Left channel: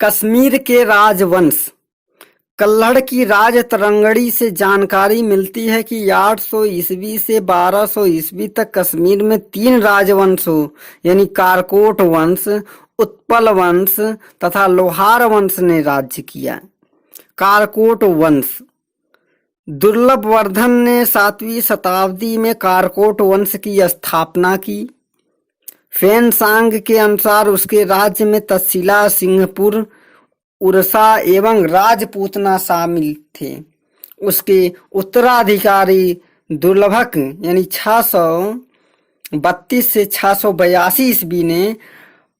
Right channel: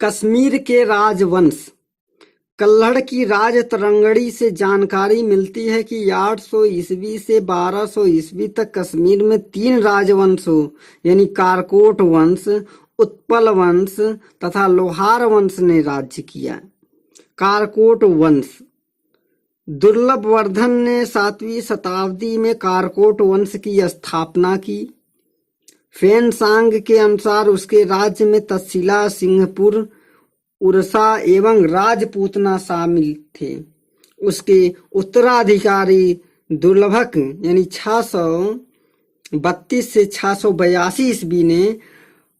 कश्मीर के राजवंश कल्हड़ की राज तरंगड़ी से जानकारी मिलती है कि 800 ईस्वी से 1200 ईस्वी तक कश्मीर में 3 राजवंशों यानी कारकोट वंश, उत्पल वंश तथा लोहार वंश ने राज्य किया। कारकोट वंश दुर्लभ वर्धन ने 7वीं शताब्दी में कारकोट वंश की स्थापना की। फैनसांग के अनुसार उसके राज्य में तक्षशिला, सिंहपुर, उड़ीसा एवं राजपूतना शामिल थे। उसके उत्तराधिकारी दुर्लभक यानी 632 से 682 ईस्वी ने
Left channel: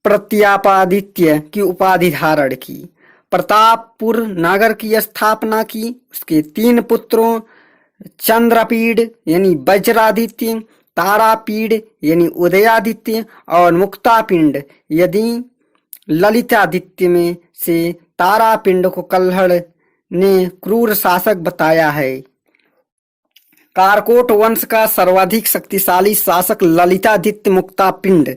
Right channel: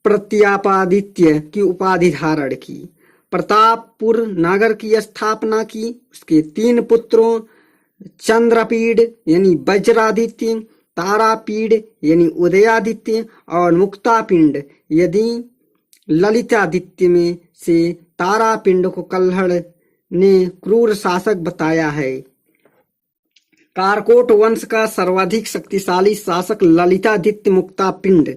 प्रतापादित्य की उपाधि धारण की। प्रतापपुर नगर की स्थापना की। उसके 3 पुत्रों चंद्रपीड़ यानी वज्रादित्य, तारापीड़ यानी उदयादित्य और मुक्तापिंड यदि ललितादित्य में से तारापिंड को कल्हड़ ने क्रूर शासक बताया है। कारकोट वंश का सर्वाधिक शक्तिशाली शासक ललितादित्य मुक्तापिंड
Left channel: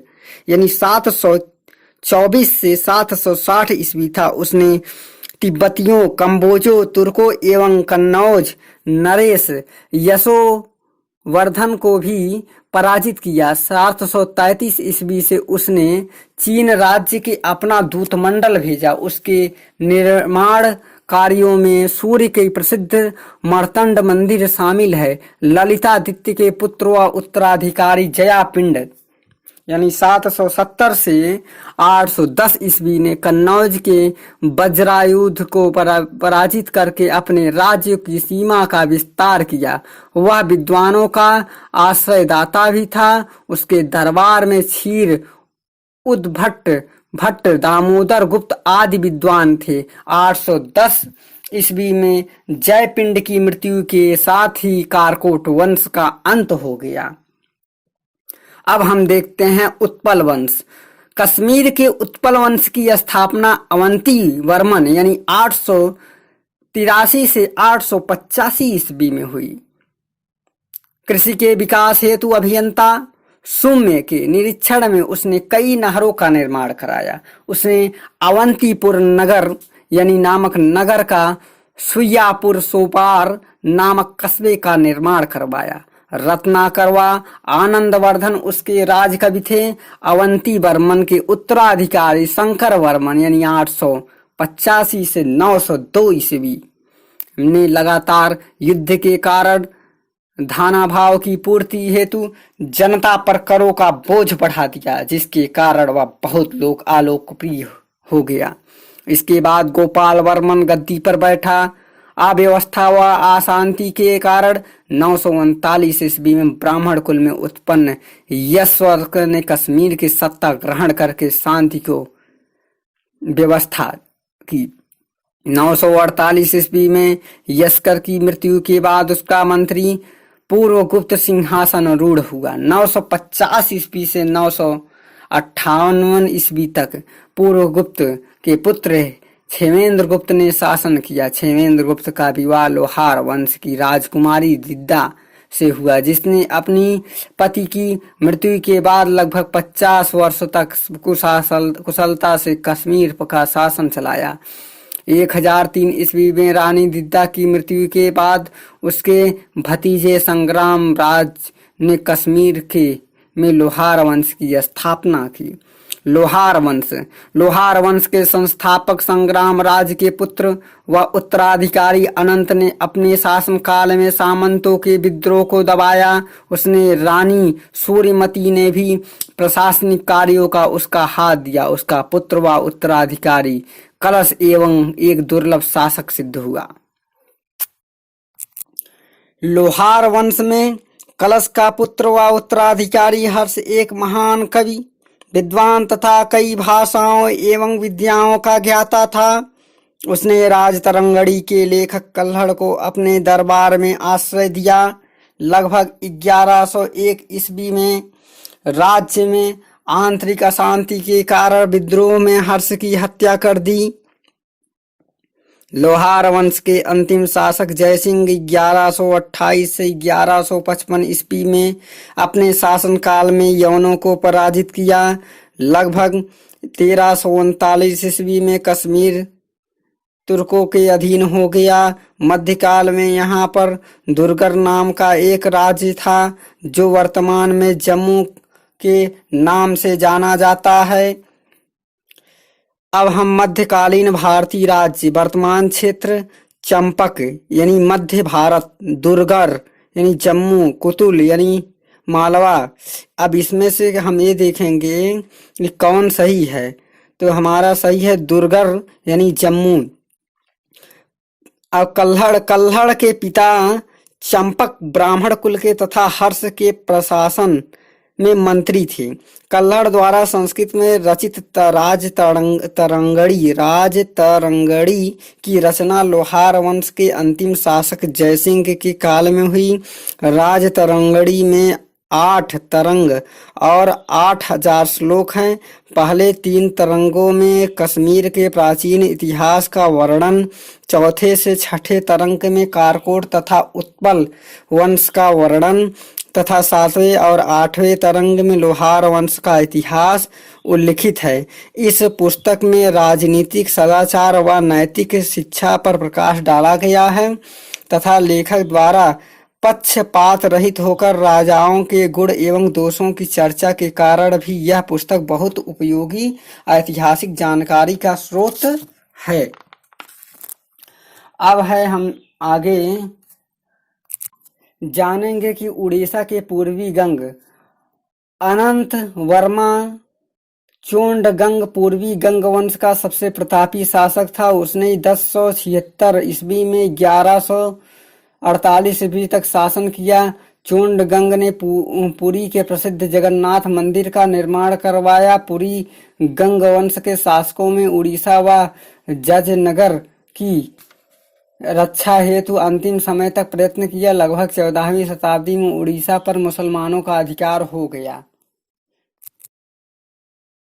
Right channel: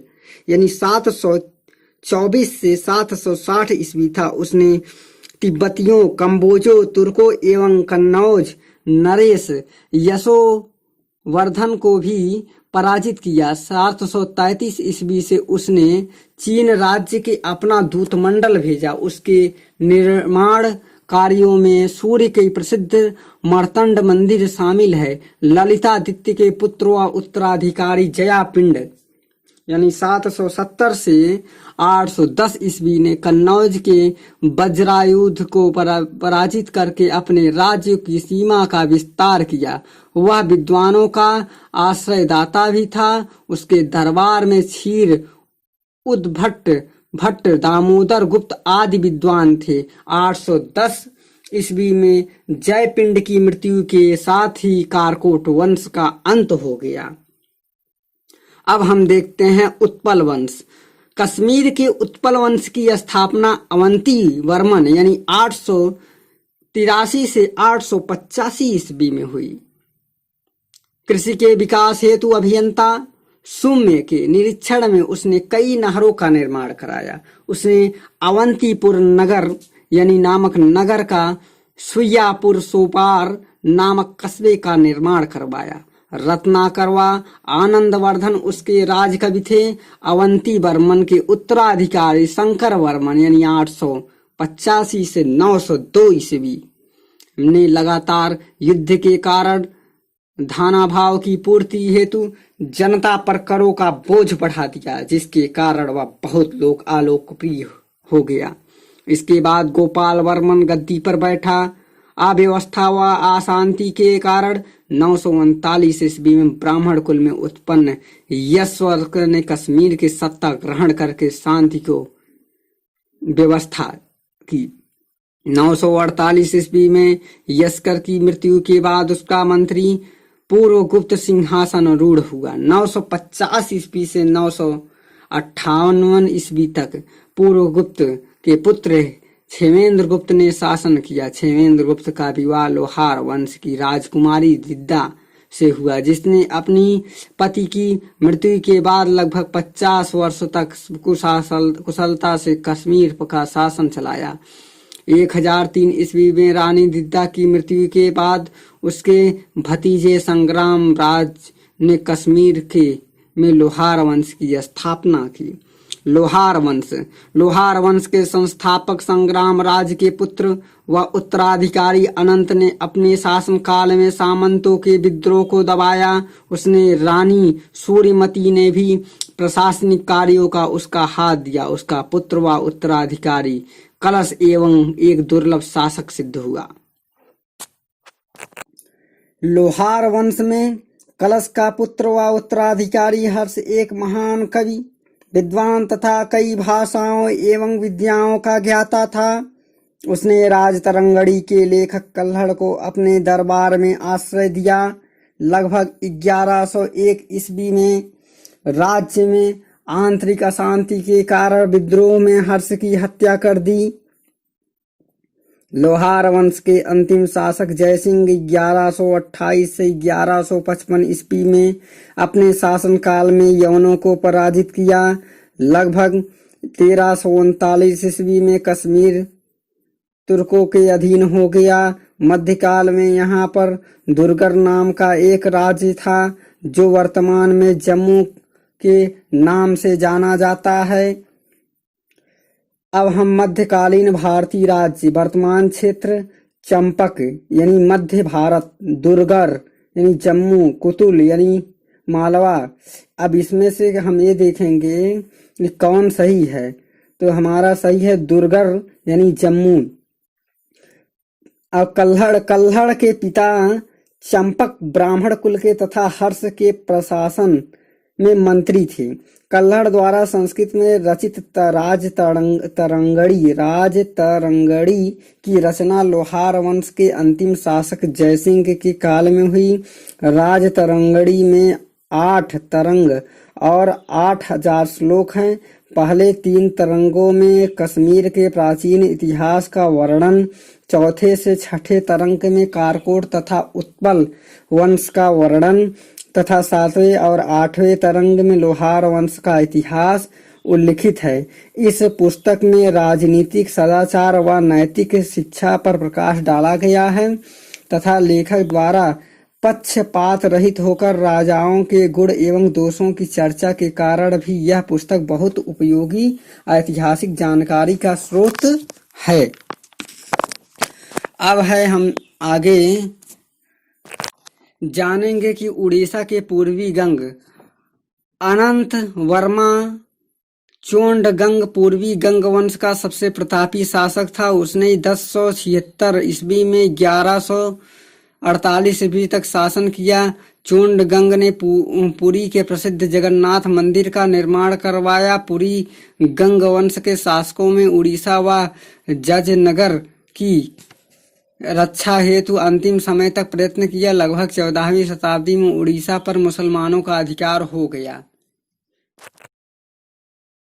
यानी 724 से 760 ईस्वी था। उसने तिब्बतियों, कंबोजों, तुर्कों एवं कन्नौज नरेश यशोवर्धन को भी पराजित किया। 733 ईस्वी से उसने चीन राज्य के अपना दूतमंडल भेजा। उसके निर्माण कार्यों में सूर्य के प्रसिद्ध मार्तंड मंदिर शामिल है। ललितादित्य के पुत्र व उत्तराधिकारी जयापिंड यानी 770 से 810 ईस्वी ने कन्नौज के वज्रायुध को पराजित करके अपने राज्य की सीमा का विस्तार किया। वह विद्वानों का आश्रयदाता भी था। उसके दरबार में क्षीर, उद्भट, भट्ट, दामोदर गुप्त आदि विद्वान थे। 810 ईस्वी में जयपिंड की मृत्यु के साथ ही कारकोट वंश का अंत हो गया। अब हम देखते हैं उत्पल वंश। कश्मीर के उत्पल वंश की स्थापना अवंती वर्मन यानी 883 से 885 ईस्वी में हुई। कृषि के विकास हेतु अभियंता सुम्य के निरीक्षण में उसने कई नहरों का निर्माण कराया। उसने अवंतीपुर नगर यानी नामक नगर का सुइयापुर सोपार नामक कस्बे का निर्माण करवाया। रत्नाकर व आनंदवर्धन उसके राजकवि थे। अवंती वर्मन के उत्तराधिकारी शंकर वर्मन यानी 885 से 902 ईस्वी ने लगातार युद्ध के कारण धनाभाव की पूर्ति हेतु जनता पर करों का बोझ बढ़ा दिया, जिसके कारण वह बहुत लोग अलोकप्रिय हो गया। इसके बाद गोपाल वर्मन गद्दी पर बैठा। अव्यवस्था व अशांति के कारण 939 ईस्वी में ब्राह्मण कुल में उत्पन्न यशवर्क ने कश्मीर की सत्ता ग्रहण करके शांति को व्यवस्था की। 948 ईस्वी में यशकर की मृत्यु के बाद उसका मंत्री पूर्व गुप्त सिंहासन रूढ़ हुआ। 950 ईस्वी से 958 ईस्वी तक पूर्व गुप्त के पुत्र क्षेमेंद्र गुप्त ने शासन किया। क्षेमेंद्र गुप्त का विवाह लोहार वंश की राजकुमारी दिद्दा से हुआ, जिसने अपनी पति की मृत्यु के बाद लगभग 50 वर्षों तक कुशलता से कश्मीर का शासन चलाया। 1003 ईस्वी में रानी दिद्दा की मृत्यु के बाद उसके भतीजे संग्राम राज ने कश्मीर में लोहार वंश की स्थापना की। लोहार वंश के संस्थापक संग्राम राज के पुत्र व उत्तराधिकारी अनंत ने अपने शासनकाल में सामंतों के विद्रोह को दबाया। उसने रानी सूर्यमती ने भी प्रशासनिक कार्यों का उसका हाथ दिया। उसका पुत्र व उत्तराधिकारी कलश एवं एक दुर्लभ शासक सिद्ध हुआ। लोहार वंश में कलश का पुत्र व उत्तराधिकारी हर्ष एक महान कवि, विद्वान तथा कई भाषाओं एवं विद्याओं का ज्ञाता था। उसने राजतरंगड़ी के लेखक कल्हड़ को अपने दरबार में आश्रय दिया। लगभग 1101 ईस्वी में राज्य में आंतरिक अशांति के कारण विद्रोह में हर्ष की हत्या कर दी। लोहार वंश के अंतिम शासक जयसिंह 1128 से 1155 ईस्वी में अपने शासनकाल में यवनों को पराजित किया। लगभग 1339 ईस्वी में कश्मीर तुर्कों के अधीन हो गया। मध्यकाल में यहाँ पर दुर्गर नाम का एक राज्य था जो वर्तमान में जम्मू के नाम से जाना जाता है। अब हम मध्यकालीन भारतीय राज्य, वर्तमान क्षेत्र चंपक यानी मध्य भारत, दुर्गर यानी जम्मू, कुतुल यानी मालवा। अब इसमें से हम ये देखेंगे कि कौन सही है, तो हमारा सही है दुर्गर यानी जम्मू। अब कल्हड़ के पिता चंपक ब्राह्मण कुल के तथा हर्ष के प्रशासन में मंत्री थे। कल्हड़ द्वारा संस्कृत में रचित राज तरंगड़ी की रचना लोहार वंश के अंतिम शासक जयसिंह के काल में हुई। राज तरंगड़ी में 8 तरंग और 8000 श्लोक हैं। पहले 3 तरंगों में कश्मीर के प्राचीन इतिहास का वर्णन, चौथे से छठे तरंग में कारकोट तथा उत्पल वंश का वर्णन तथा 7वें और 8वें तरंग में लोहार वंश का इतिहास उल्लिखित है। इस पुस्तक में राजनीतिक सदाचार व नैतिक शिक्षा पर प्रकाश डाला गया है तथा लेखक द्वारा पक्षपात रहित होकर राजाओं के गुण एवं दोषों की चर्चा के कारण भी यह पुस्तक बहुत उपयोगी ऐतिहासिक जानकारी का स्रोत है। अब है हम आगे जानेंगे कि उड़ीसा के पूर्वी गंग अनंत वर्मा चोंडगंग पूर्वी गंग वंश का सबसे प्रतापी शासक था। उसने 1076 ईस्वी में 1148 ईस्वी तक शासन किया। चोंडगंग ने पुरी के प्रसिद्ध जगन्नाथ मंदिर का निर्माण करवाया। पुरी गंग वंश के शासकों में उड़ीसा व जजनगर की रक्षा हेतु अंतिम समय तक प्रयत्न किया। लगभग 14वीं शताब्दी में उड़ीसा पर मुसलमानों का अधिकार हो गया।